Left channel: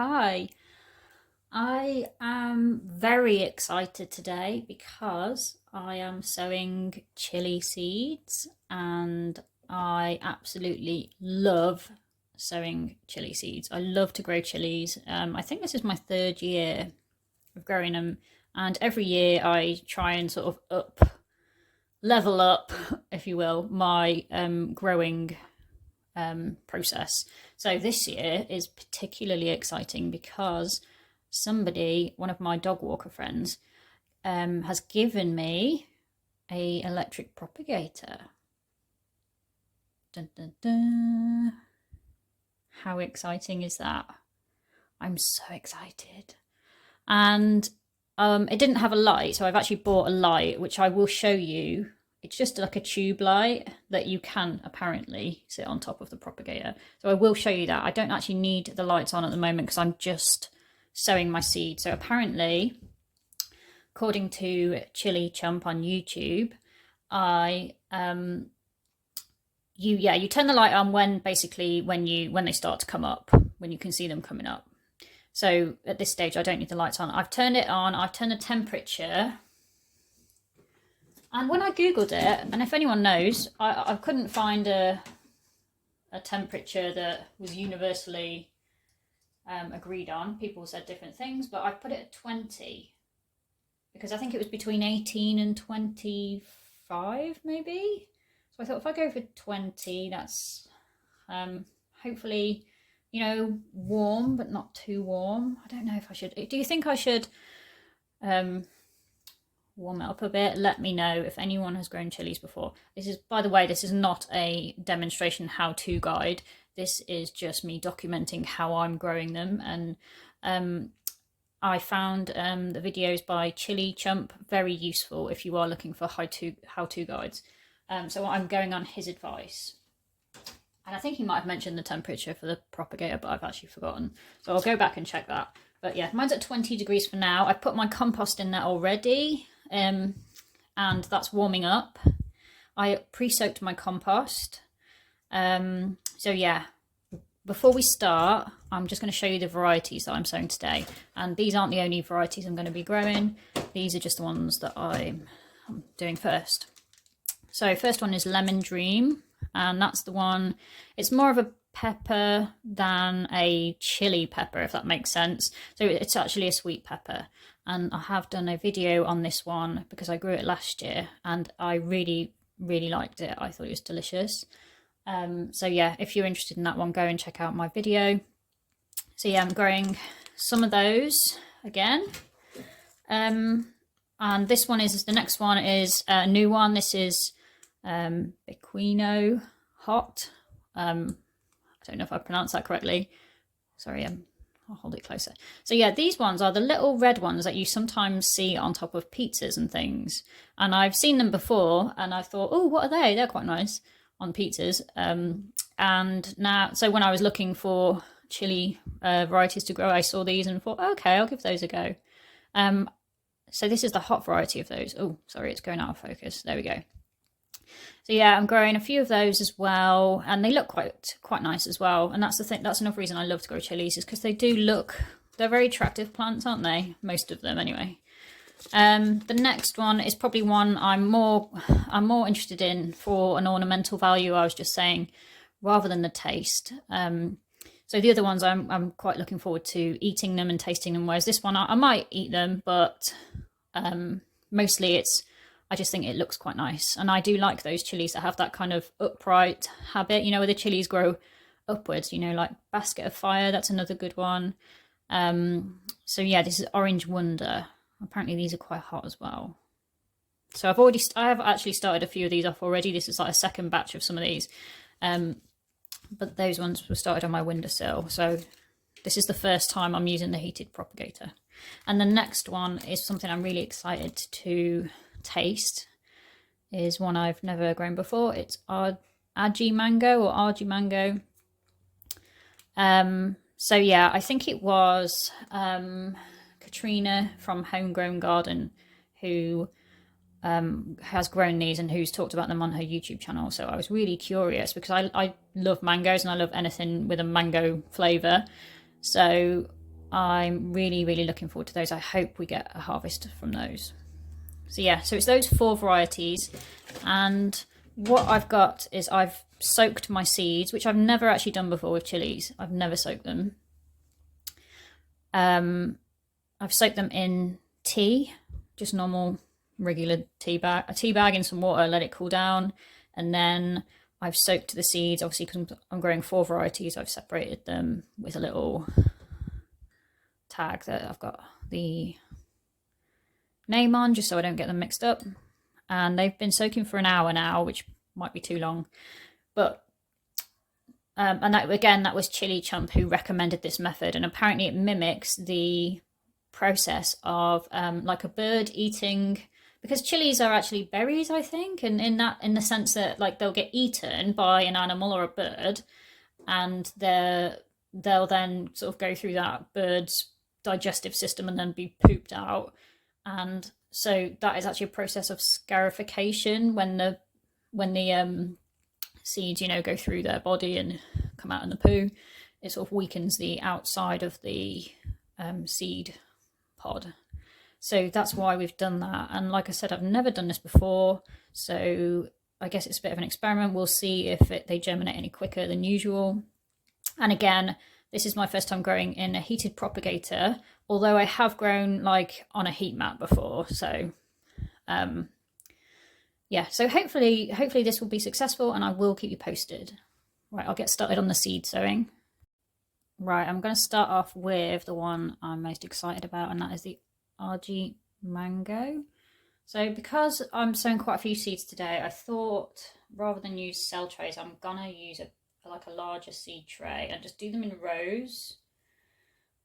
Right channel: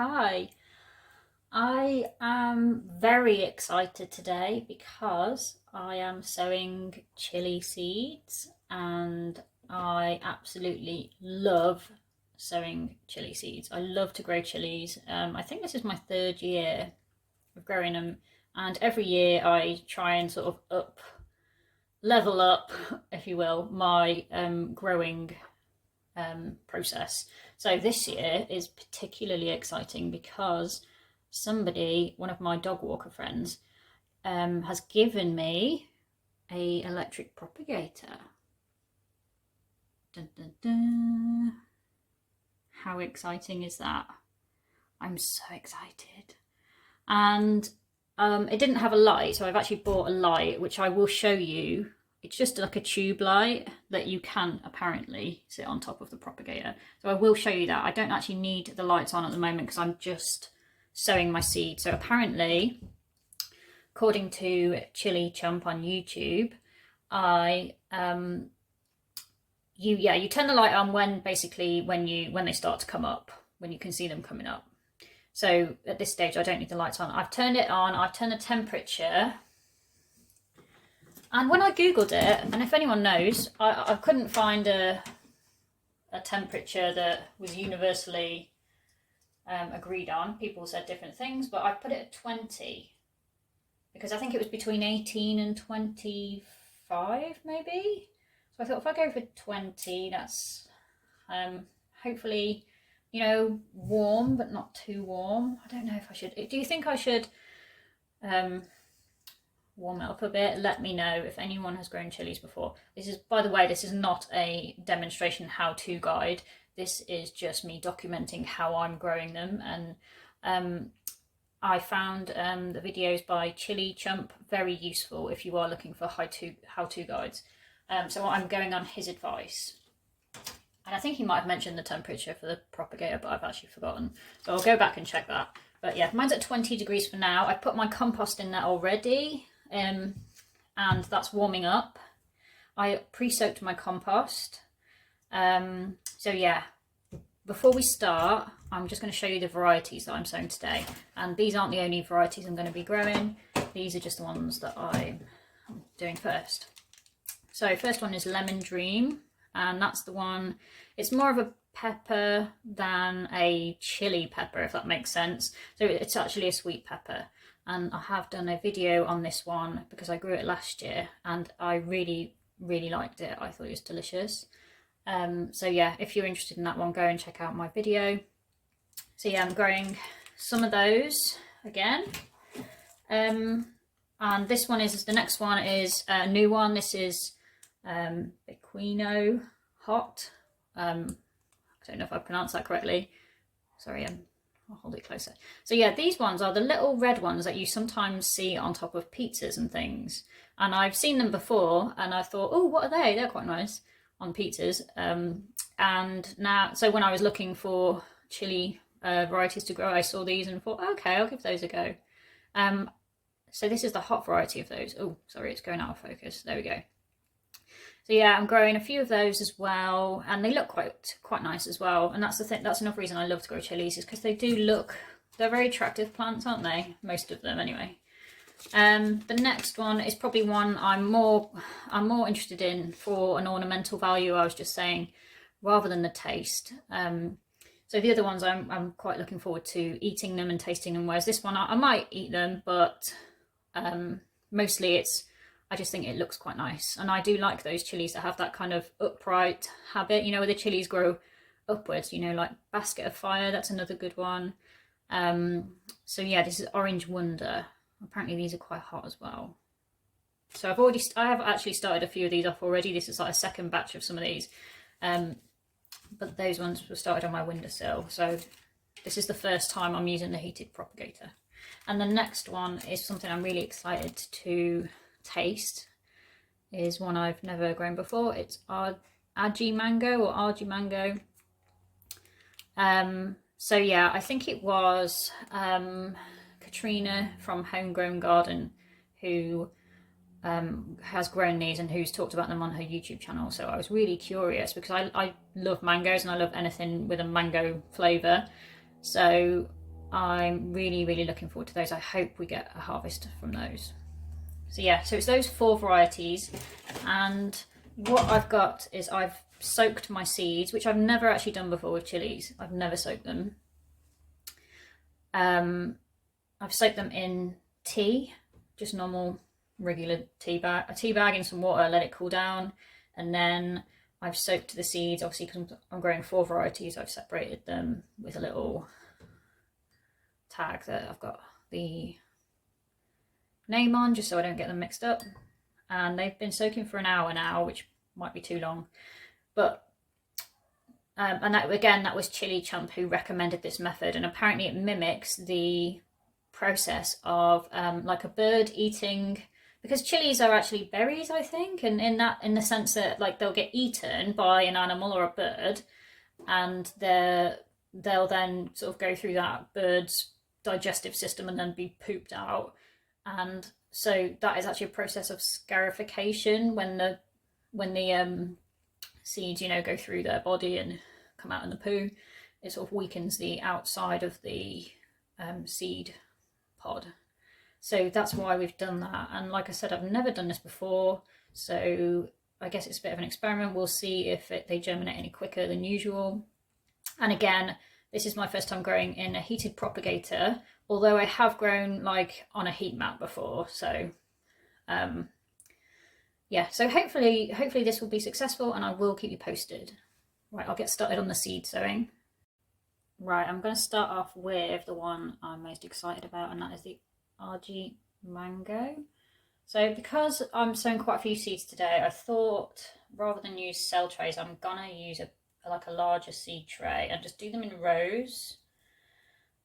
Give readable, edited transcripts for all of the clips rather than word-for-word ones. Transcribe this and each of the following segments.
Hi. I am very excited today because I am sowing chili seeds and I absolutely love sowing chili seeds. I love to grow chilies. I think this is my third year of growing them, and every year I try and sort of level up, if you will, my growing process. So this year is particularly exciting because one of my dog walker friends, has given me a electric propagator. Dun, dun, dun. How exciting is that? I'm so excited. And it didn't have a light, so I've actually bought a light, which I will show you. It's just like a tube light that you can apparently sit on top of the propagator. So I will show you that. I don't actually need the lights on at the moment because I'm just sowing my seed. So apparently, according to Chilli Chump on YouTube, you turn the light on when they start to come up, when you can see them coming up. So at this stage, I don't need the lights on. I've turned it on. I've turned the temperature. And when I Googled it, and if anyone knows, I couldn't find a temperature that was universally agreed on. People said different things, but I put it at 20 because I think it was between 18 and 25 maybe. So I thought if I go for 20, that's hopefully, warm, but not too warm. I don't know if I should. Do you think I should warm it up a bit? Let me know if anyone has grown chilies before. By the way, this is not a demonstration how-to guide. This is just me documenting how I'm growing them. And I found the videos by Chilli Chump very useful if you are looking for how-to guides. So I'm going on his advice. And I think he might have mentioned the temperature for the propagator, but I've actually forgotten. So I'll go back and check that. But yeah, mine's at 20 degrees for now. I've put my compost in there already. And that's warming up. I pre-soaked my compost. So yeah, before we start, I'm just going to show you the varieties that I'm sowing today. And these aren't the only varieties I'm going to be growing. These are just the ones that I'm doing first. So first one is Lemon Dream, and that's the one. It's more of a pepper than a chili pepper, if that makes sense. So it's actually a sweet pepper. And I have done a video on this one because I grew it last year and I really, really liked it. I thought it was delicious. So yeah, if you're interested in that one, go and check out my video. So yeah, I'm growing some of those again. And the next one is a new one. This is Biquinho Hot. I don't know if I pronounced that correctly. Sorry, I'll hold it closer. So yeah, these ones are the little red ones that you sometimes see on top of pizzas and things. And I've seen them before and I thought, oh, what are they? They're quite nice on pizzas. And now, so when I was looking for chili varieties to grow, I saw these and thought, okay, I'll give those a go. So this is the hot variety of those. Oh, sorry, it's going out of focus. There we go. So yeah, I'm growing a few of those as well, and they look quite nice as well. And that's the thing. That's another reason I love to grow chilies, is because they're very attractive plants, aren't they? Most of them, anyway. The next one is probably one I'm more interested in for an ornamental value. I was just saying, rather than the taste. So the other ones I'm quite looking forward to eating them and tasting them. Whereas this one I might eat them, but mostly I just think it looks quite nice. And I do like those chilies that have that kind of upright habit, where the chilies grow upwards, like Basket of Fire. That's another good one. So yeah, this is Orange Wonder. Apparently these are quite hot as well. So I have actually started a few of these off already. This is like a second batch of some of these. But those ones were started on my windowsill. So this is the first time I'm using the heated propagator. And the next one is something I'm really excited to taste. Is one I've never grown before. It's Aji Mango or Aji Mango. So yeah, I think it was Katrina from Homegrown Garden who has grown these and who's talked about them on her YouTube channel. So I was really curious because I love mangoes and I love anything with a mango flavour. So I'm really, really looking forward to those. I hope we get a harvest from those. So yeah, so it's those 4 varieties, and what I've got is I've soaked my seeds, which I've never actually done before with chilies. I've never soaked them. I've soaked them in tea, just normal regular tea bag in some water, let it cool down, and then I've soaked the seeds. Obviously, because I'm growing 4 varieties, I've separated them with a little tag that I've got the name on, just so I don't get them mixed up. And they've been soaking for an hour now, which might be too long, but and that, again, that was Chilli Chump who recommended this method, and apparently it mimics the process of like a bird eating, because chilies are actually berries, I think, and in the sense that like they'll get eaten by an animal or a bird, and they'll then sort of go through that bird's digestive system and then be pooped out. And so that is actually a process of scarification when the seeds, you know, go through their body and come out in the poo. It sort of weakens the outside of the seed pod. So that's why we've done that. And like I said, I've never done this before, so I guess it's a bit of an experiment. We'll see if they germinate any quicker than usual. And again, this is my first time growing in a heated propagator, although I have grown like on a heat mat before. So yeah, so hopefully this will be successful, and I will keep you posted. Right, I'll get started on the seed sowing. Right, I'm going to start off with the one I'm most excited about, and that is the Aji Mango. So because I'm sowing quite a few seeds today, I thought rather than use cell trays, I'm going to use a larger seed tray and just do them in rows.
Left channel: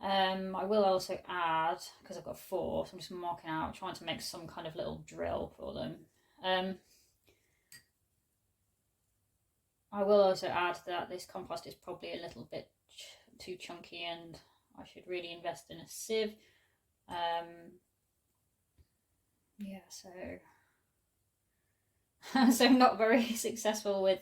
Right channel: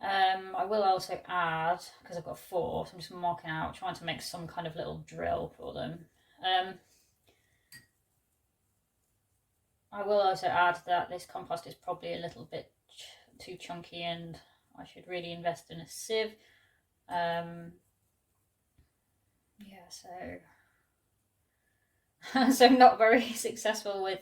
I will also add, because I've got 4, so I'm just marking out, trying to make some kind of little drill for them. I will also add that this compost is probably a little bit too chunky, and I should really invest in a sieve. Yeah, so not very successful with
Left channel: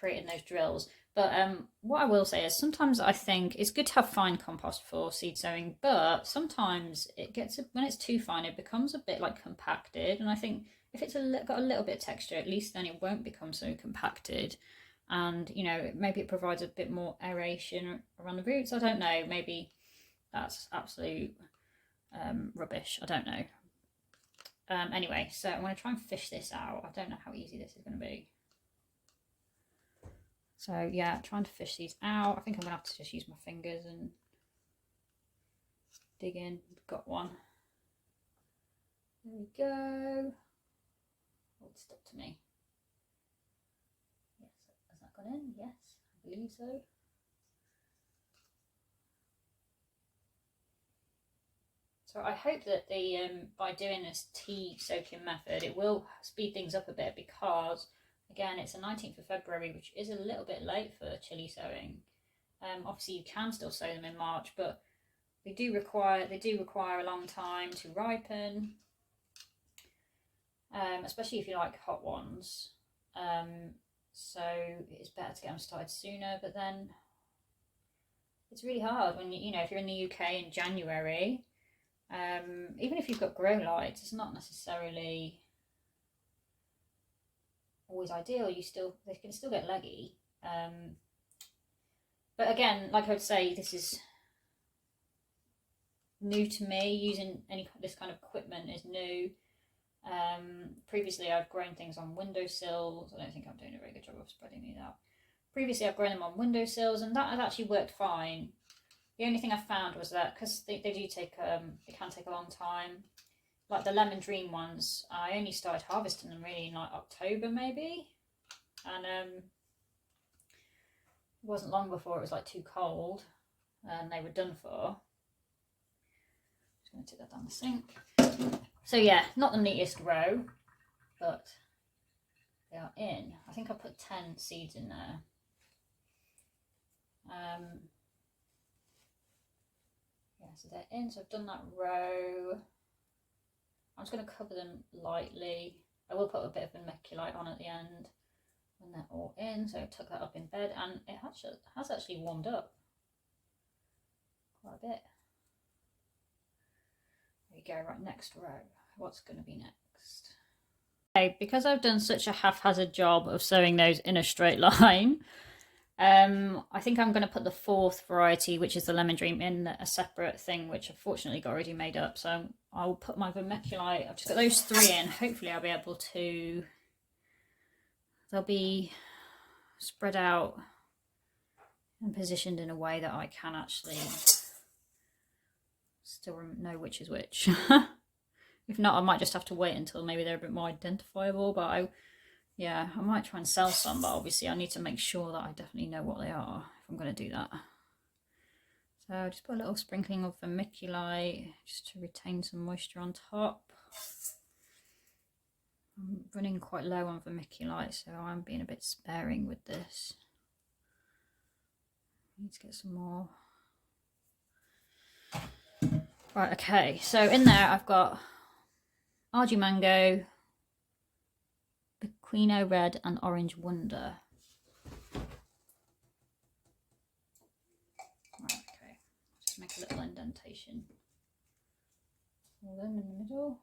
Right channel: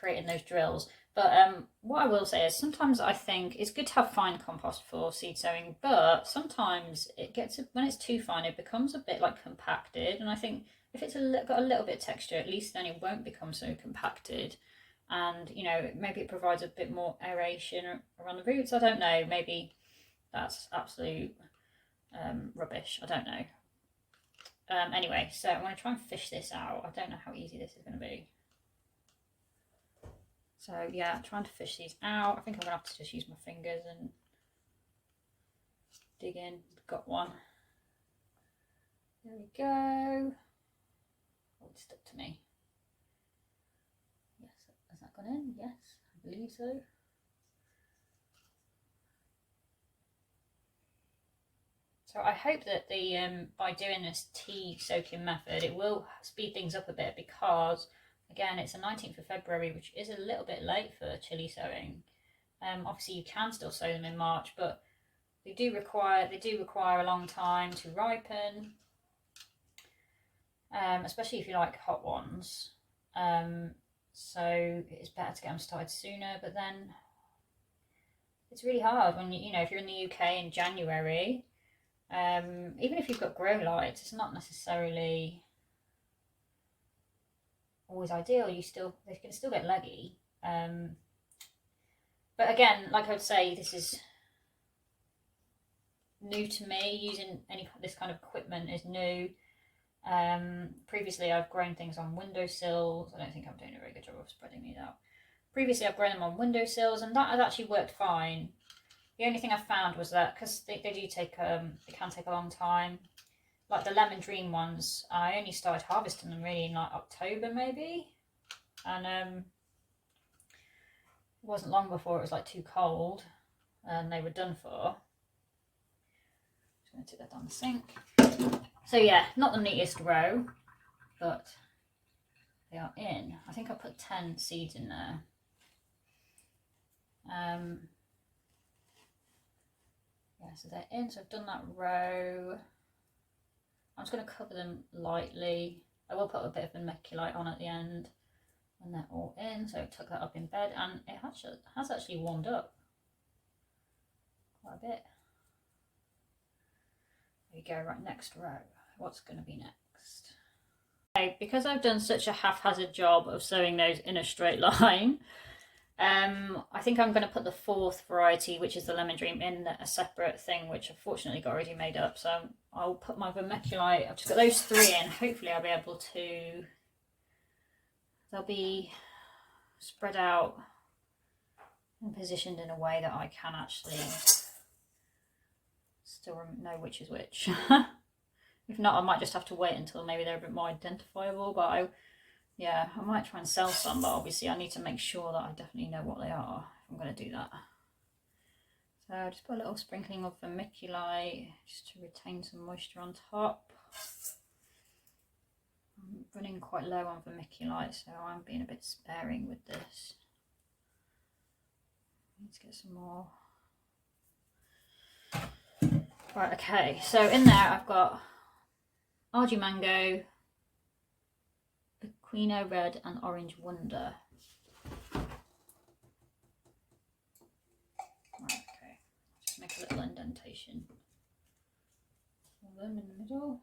creating those drills. But what I will say is sometimes I think it's good to have fine compost for seed sowing, but sometimes it gets, when it's too fine, it becomes a bit like compacted. And I think if it's got a little bit of texture, at least then it won't become so compacted. And, you know, maybe it provides a bit more aeration around the roots. I don't know. Maybe that's absolute rubbish. I don't know. Anyway, so I'm going to try and fish this out. I don't know how easy this is going to be. So yeah, trying to fish these out. I think I'm going to have to just use my fingers and dig in. Got one. There we go. Oh, it's stuck to me. Yes, has that gone in? Yes, I believe so. So I hope that by doing this tea soaking method, it will speed things up a bit, because again, it's the 19th of February, which is a little bit late for chili sowing. Obviously, you can still sow them in March, but they do require a long time to ripen, especially if you like hot ones. So it's better to get them started sooner. But then it's really hard when you know, if you're in the UK in January. Even if you've got grow lights, it's not necessarily always ideal. They can still get leggy. But again, like I would say, this is new to me. Using this kind of equipment is new. Previously, I've grown things on windowsills. I don't think I'm doing a very good job of spreading these out. Previously, I've grown them on windowsills, and that has actually worked fine. The only thing I found was that, because they do take they can take a long time. Like the lemon dream ones, I only started harvesting them really in like October maybe, and it wasn't long before it was like too cold, and they were done for. Just going to take that down the sink. So yeah, not the neatest row, but they are in. I think I put 10 seeds in there. Yeah, so they're in. So I've done that row. I'm just going to cover them lightly. I will put a bit of vermiculite on at the end, and they're all in. So I took that up in bed, and it has actually warmed up quite a bit. There we go, right, next row. What's going to be next? Okay, because I've done such a haphazard job of sewing those in a straight line, I think I'm going to put the fourth variety, which is the Lemon Dream, in a separate thing, which I've fortunately got already made up. So I'll put my vermiculite, I've just got those three in. Hopefully I'll be able to, they'll be spread out and positioned in a way that I can actually still know which is which. If not, I might just have to wait until maybe they're a bit more identifiable, but I might try and sell some, but obviously I need to make sure that I definitely know what they are if I'm going to do that. So I'll just put a little sprinkling of vermiculite just to retain some moisture on top. I'm running quite low on vermiculite, so I'm being a bit sparing with this. I need to get some more. Right, okay, so in there I've got Aji Mango, Biquinho Red and Orange Wonder. Right, okay, just make a little indentation. All them in the middle.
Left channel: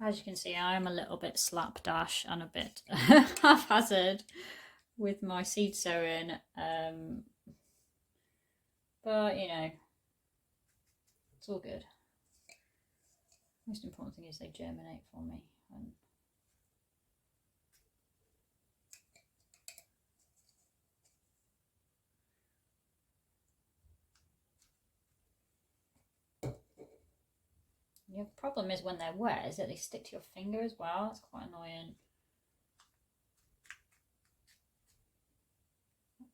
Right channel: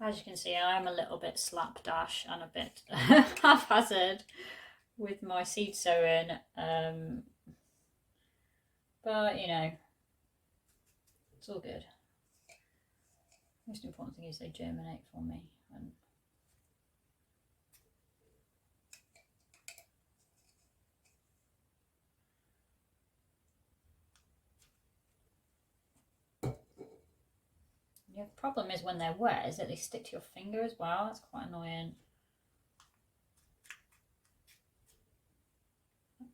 As you can see, I'm a little bit slapdash and a bit haphazard with my seed sowing, but you know, it's all good. Most important thing is they germinate for me. The problem is when they're wet is that they stick to your finger as well. That's quite annoying.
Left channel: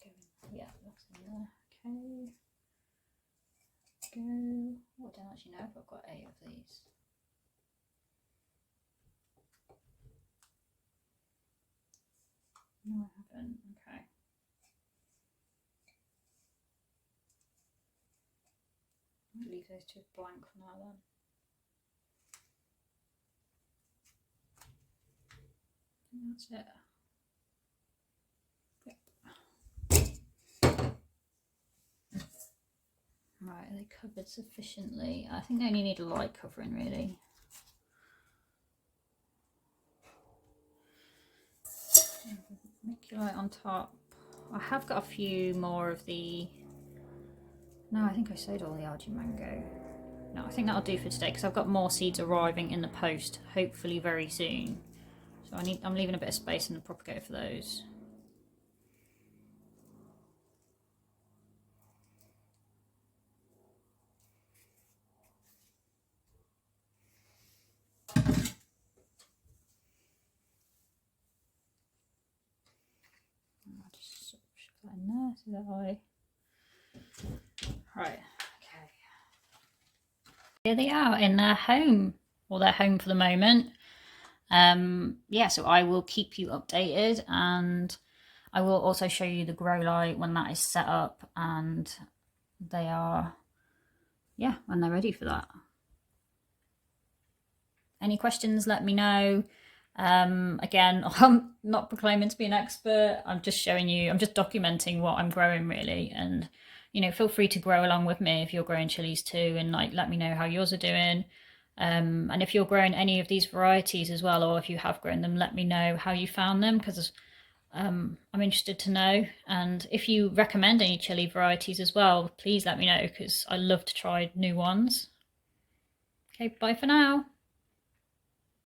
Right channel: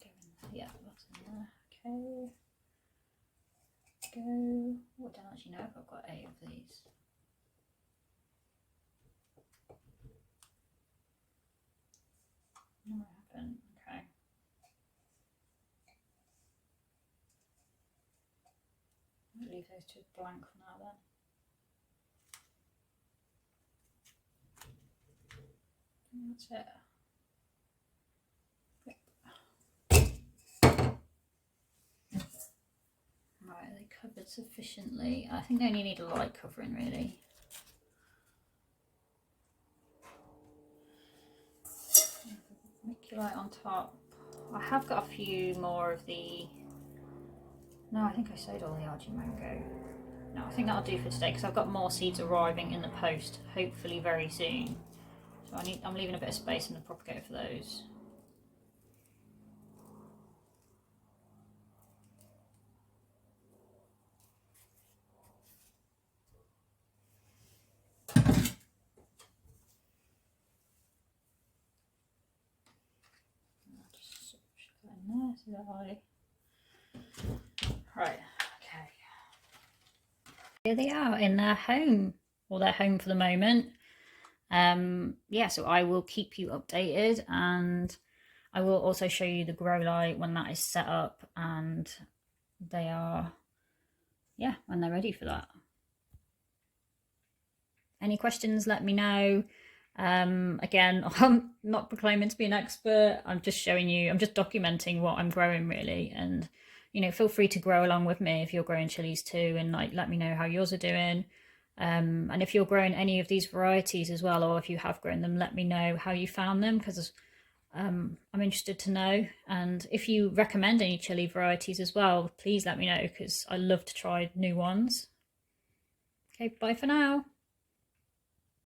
Okay, yeah, that's in there. Okay. Go. Oh, I don't actually know if I've got 8 of these. No, I haven't. Okay. I'll leave those two blank for now then. That's it. Yep. Right, are they covered sufficiently? I think they only need a light covering really. Vermiculite on top. I have got a few more of the... No, I think I sowed all the Aji Mango. No, I think that'll do for today because I've got more seeds arriving in the post, hopefully very soon. So I'm leaving a bit of space in the propagator for those. I'll just shove that in there so that Right, okay. Here they are in their home, or their home for the moment. Yeah, so I will keep you updated, and I will also show you the grow light when that is set up and they are, yeah, when they're ready for that. Any questions, let me know. Again, I'm not proclaiming to be an expert. I'm just showing you, I'm just documenting what I'm growing really. And, you know, feel free to grow along with me if you're growing chilies too, and like, let me know how yours are doing. And if you're growing any of these varieties as well, or if you have grown them, let me know how you found them, because I'm interested to know. And if you recommend any chili varieties as well, please let me know, because I love to try new ones. Okay, bye for now.